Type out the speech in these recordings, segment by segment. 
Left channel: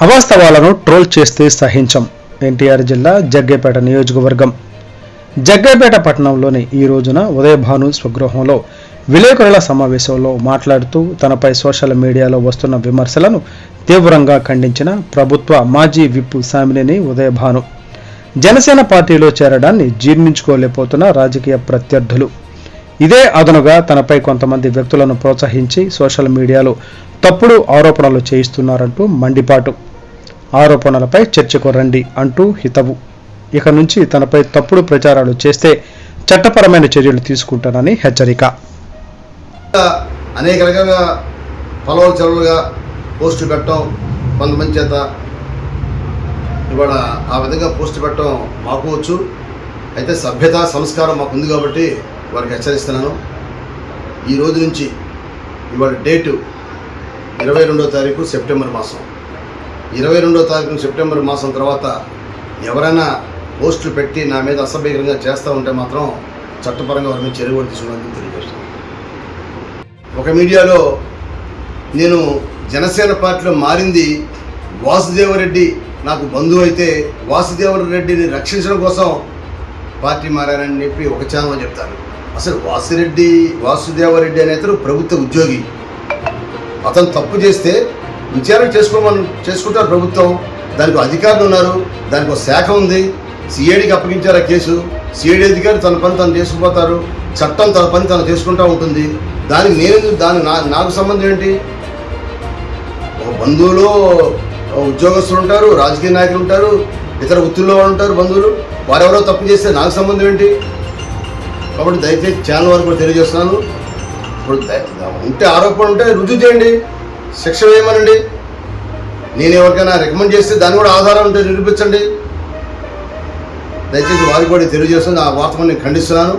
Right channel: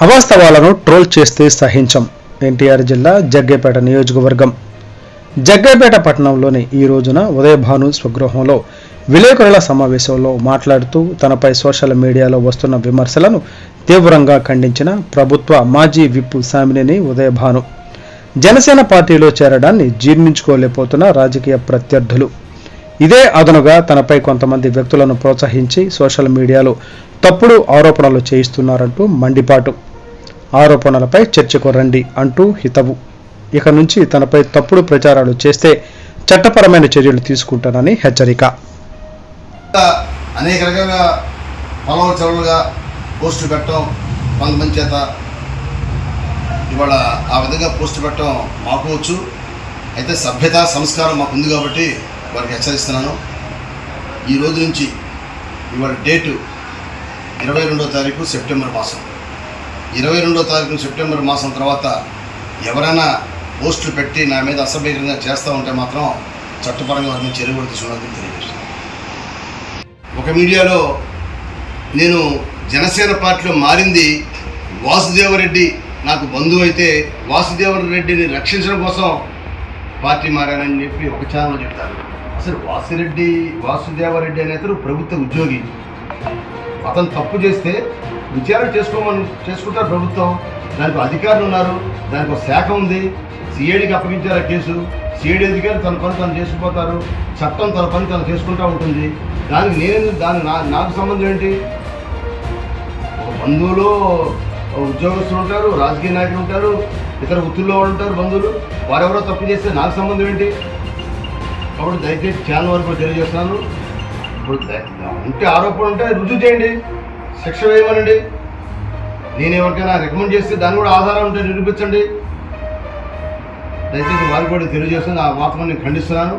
అవాస్తవాలను troll చేస్తే సహించం. ఎన్టీఆర్ జిల్లా జగ్గైపేట నియోజకవర్గం జగ్గైపేట పట్టణంలోని ఈ రోజున ఉదయభాను స్వగృహంలో విలేకరుల సమావేశంలో మాట్లాడుతూ తనపై సోషల్ మీడియాలో వస్తున్న విమర్శలను తీవ్రంగా ఖండించిన ప్రభుత్వ మాజీ విప్ సామినేని ఉదయభాను జనసేన పార్టీలో చేరడాన్ని జీర్ణించుకోలేకపోతున్న రాజకీయ ప్రత్యర్థులు ఇదే అదనుగా తనపై కొంతమంది వ్యక్తులను ప్రోత్సహించి సోషల్ మీడియాలో తప్పుడు ఆరోపణలు చేయిస్తున్నారంటూ మండిపాటు. ఆరోపణలపై చర్చకు రండి అంటూ హితవు. ఇక నుంచి తనపై తప్పుడు ప్రచారాలు చేస్తే చట్టపరమైన చర్యలు తీసుకుంటానని హెచ్చరిక. అనేక రకంగా పొలవలు చెరువులుగా పోస్టు పెట్టడం కొంతమంది చేత ఇవాళ ఆ విధంగా పోస్టు పెట్టడం మాకు వచ్చు. అయితే సభ్యత సంస్కారం మాకు ఉంది కాబట్టి వారికి హెచ్చరిస్తున్నాను. ఈ రోజు నుంచి ఇవాళ డేటు 22వ తారీఖు సెప్టెంబర్ మాసం. 22వ తారీఖు సెప్టెంబర్ మాసం తర్వాత ఎవరైనా పోస్టులు పెట్టి నా మీద అసభ్యంగా చేస్తూ ఉంటే మాత్రం చట్టపరంగా వారి మీద చర్య కూడా తీసుకున్నానని తెలియజేస్తున్నాను. ఒక మీడియాలో నేను జనసేన పార్టీలో మారింది వాసుదేవరెడ్డి నాకు బంధువు అయితే వాసుదేవరెడ్డిని రక్షించడం కోసం పార్టీ మారానని చెప్పి ఒక ఛానల్లో చెప్తారు. అసలు వాసుదేవరెడ్డి అనే అతను ప్రభుత్వ ఉద్యోగి. అతను తప్పు చేస్తే విచారణ చేసుకుంటారు ప్రభుత్వం. దానికి అధికారులు ఉన్నారు, దానికి ఒక శాఖ ఉంది. సిఐడికి అప్పగించారు ఆ కేసు. సిఐడి అధికారి తన పని తను చేసుకుపోతారు, చట్టం తన పని తను చేసుకుంటూ ఉంటుంది. నాకు సంబంధం ఏంటి? ఒక బంధువులు ఉద్యోగస్తులు ఉంటారు, రాజకీయ నాయకులు ఉంటారు, ఇతర వృత్తుల్లో ఉంటారు బంధువులు. వారెవరో తప్పు చేస్తే నాకు సంబంధం ఏంటి? కాబట్టి దయచేసి ఛానల్ వరకు కూడా తెలియజేస్తున్నాను. ఇప్పుడు ఉంటే ఆరోపణ ఉంటే రుజువు చేయండి, శిక్ష వేయమనండి. నేను ఎవరికైనా రికమెండ్ చేస్తే దాన్ని కూడా ఆధారం ఉంటే నిరూపించండి. దయచేసి వారికి కూడా తెలియజేస్తుంది. ఆ వార్తను నేను ఖండిస్తున్నాను.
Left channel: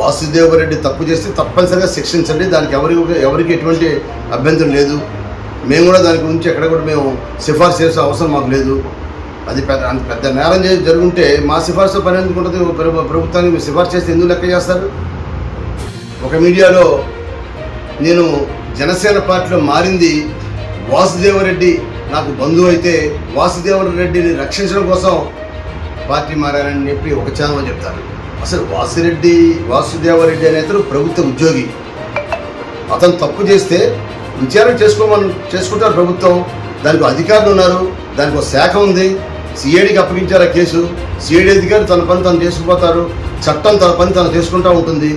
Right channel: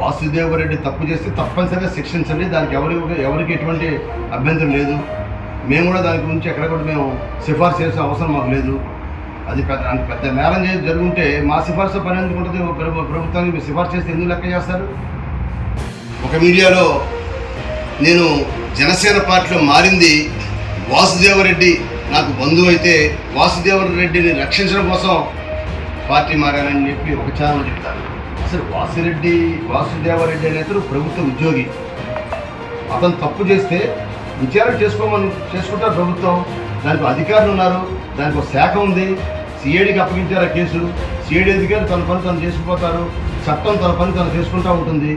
వాసుదేవరెడ్డి తప్పు చేస్తే తప్పనిసరిగా శిక్షించండి. దానికి ఎవరికి ఎటువంటి అభ్యంతరం లేదు. మేము కూడా దాని గురించి ఎక్కడ కూడా మేము సిఫార్సు చేసే అవసరం మాకు లేదు. అది పెద్ద నేరం జరుగుంటే మా సిఫార్సు పని ఎందుకు ఉంటుంది? ప్రభుత్వానికి మీరు సిఫార్సు చేస్తే ఎందుకు లెక్క చేస్తారు? ఒక మీడియాలో నేను జనసేన పార్టీలో మారింది వాసుదేవరెడ్డి నాకు బంధువు అయితే వాసుదేవరెడ్డిని రక్షించడం కోసం పార్టీ మారానని చెప్పి ఒక ఛానల్లో చెప్తారు. అసలు వాసుదేవరెడ్డి అనే అతను ప్రభుత్వ ఉద్యోగి. అతను తప్పు చేస్తే విచారణ చేసుకుంటారు ప్రభుత్వం. దానికి అధికారులు ఉన్నారు, దానికి ఒక శాఖ ఉంది. సిఐడికి అప్పగించారు ఆ కేసు. సిఐడి అధికారి తన పని తను చేసుకుపోతారు, చట్టం తన పని తను చేసుకుంటూ ఉంటుంది.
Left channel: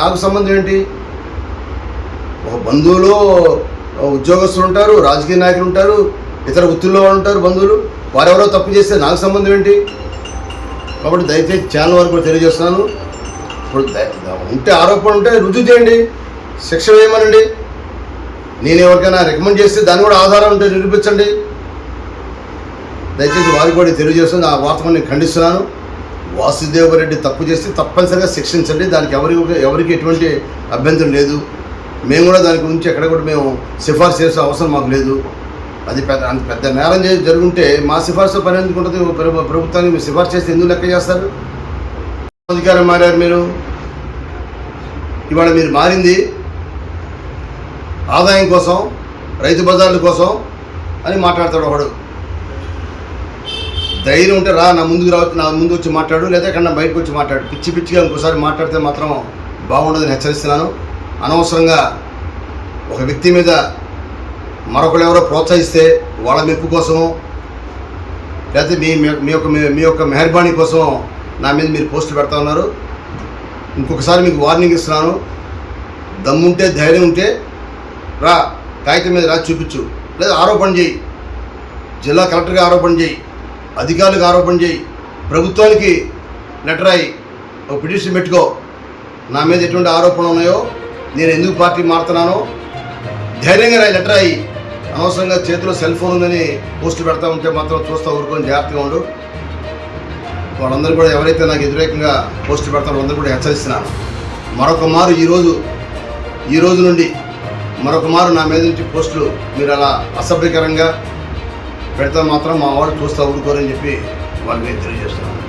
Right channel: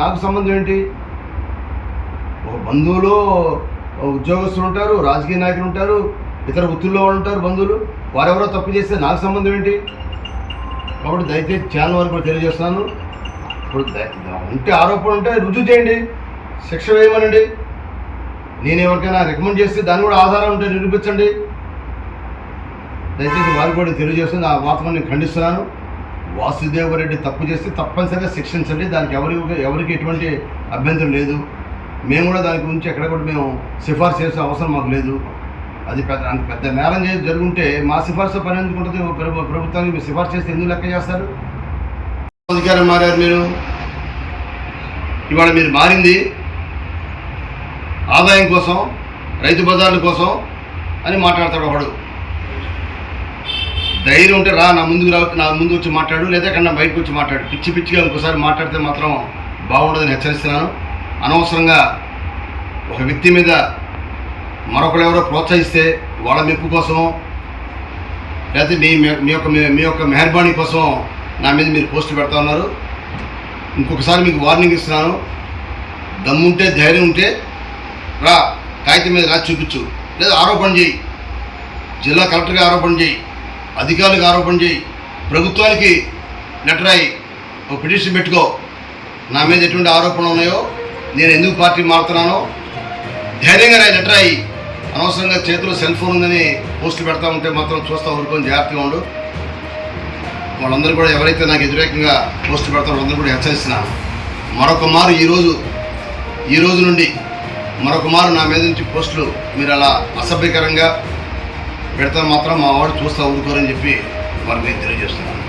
నాకు సంబంధం ఏంటి? ఒక బంధువులు ఉద్యోగస్తులు ఉంటారు, రాజకీయ నాయకులు ఉంటారు, ఇతర వృత్తుల్లో ఉంటారు బంధువులు. వారెవరో తప్పు చేస్తే నాకు సంబంధం ఏంటి? కాబట్టి దయచేసి ఛానల్ వరకు కూడా తెలియజేస్తున్నాను. ఇప్పుడు ఉంటే ఆరోపణ ఉంటే రుజువు చేయండి, శిక్ష వేయమనండి. నేను ఎవరికైనా రికమెండ్ చేస్తే దాన్ని కూడా ఆధారం ఉంటే నిరూపించండి. దయచేసి వారికి కూడా తెలియజేస్తుంది. ఆ వార్తను నేను ఖండిస్తున్నాను. వాసుదేవరెడ్డి తప్పు చేస్తే తప్పనిసరిగా శిక్షించండి. దానికి ఎవరికి ఎటువంటి అభ్యంతరం లేదు. మేము కూడా దాని గురించి ఎక్కడ కూడా మేము సిఫార్సు చేసే అవసరం మాకు లేదు. అది పెద్ద నేరం జరుగుంటే మా సిఫార్సు పని ఎందుకు ఉంటుంది? ప్రభుత్వానికి మీరు సిఫార్సు చేస్తే ఎందుకు లెక్క చేస్తారు? అధికారం మారారు మీరు. ఇవాళ మీరు మారింది ఆదాయం కోసం, రైతు బజార్ల కోసం అని మాట్లాడతాడు ఒకడు. ధైర్యం ఉంటే రా, నా ముందు వచ్చి మాట్లాడు, లేదా ఎక్కడన్నా బయటకు వచ్చి మాట్లాడు. పిచ్చిగా ఇంకోసారి మాట్లాడితే మాత్రం బాగుండదని హెచ్చరిస్తున్నాను. అనవసరంగా ఒక వ్యక్తి మీద మరొకరు ఎవరో ప్రోత్సహిస్తే వాళ్ళ మెప్పు కోసమో, లేకపోతే మీ యొక్క మెహర్బానీ కోసం నా మీద మీరు పోస్టులు పెడతా ఉన్నారు. ఇంకొకసారి మీకు వార్నింగ్ ఇస్తున్నాను. దమ్ముంటే ధైర్యం ఉంటే రా, కాగితం మీద రాసి చూపించు, లేదా ఆరోపణ చేయి. జిల్లా కలెక్టర్గా ఆరోపణ చేయి, అధికారులకు ఆరోపణ చేయి, ప్రభుత్వానికి లెటర్ అయ్యి ఒక పిటిషన్ పెట్టుకో. నా మీద ఎటువంటి ఆరోపణలు ఉన్నాయో, నేను ఎందుకు పార్టీ మారుతున్నానో ధైర్యంగా రాయి, లెటర్ అయ్యి. అనవసరంగా చేతిలో సెల్ ఫోన్ ఉందని పోస్టులు పెడతా ఉంటే మాత్రం చూస్తూ ఊరుకొని జాగ్రత్తగా ఉండు. వాళ్ళందరూ కూడా ఎవరైతే నాకు వ్యతిరేకంగా పోస్టులు పెడతారో వాళ్ళందరూ కూడా హెచ్చరిస్తున్నాను. మరొక మారు ఈ రోజు నుండి మరొక మారు నా మీద నుంచి పోస్టులు మీరు అలా అసభ్యకరంగా పెడతా మాత్రం మా వాడు చూస్తూ ఊరుకోరని చెప్పి వారికి తెలియజేస్తున్నాను.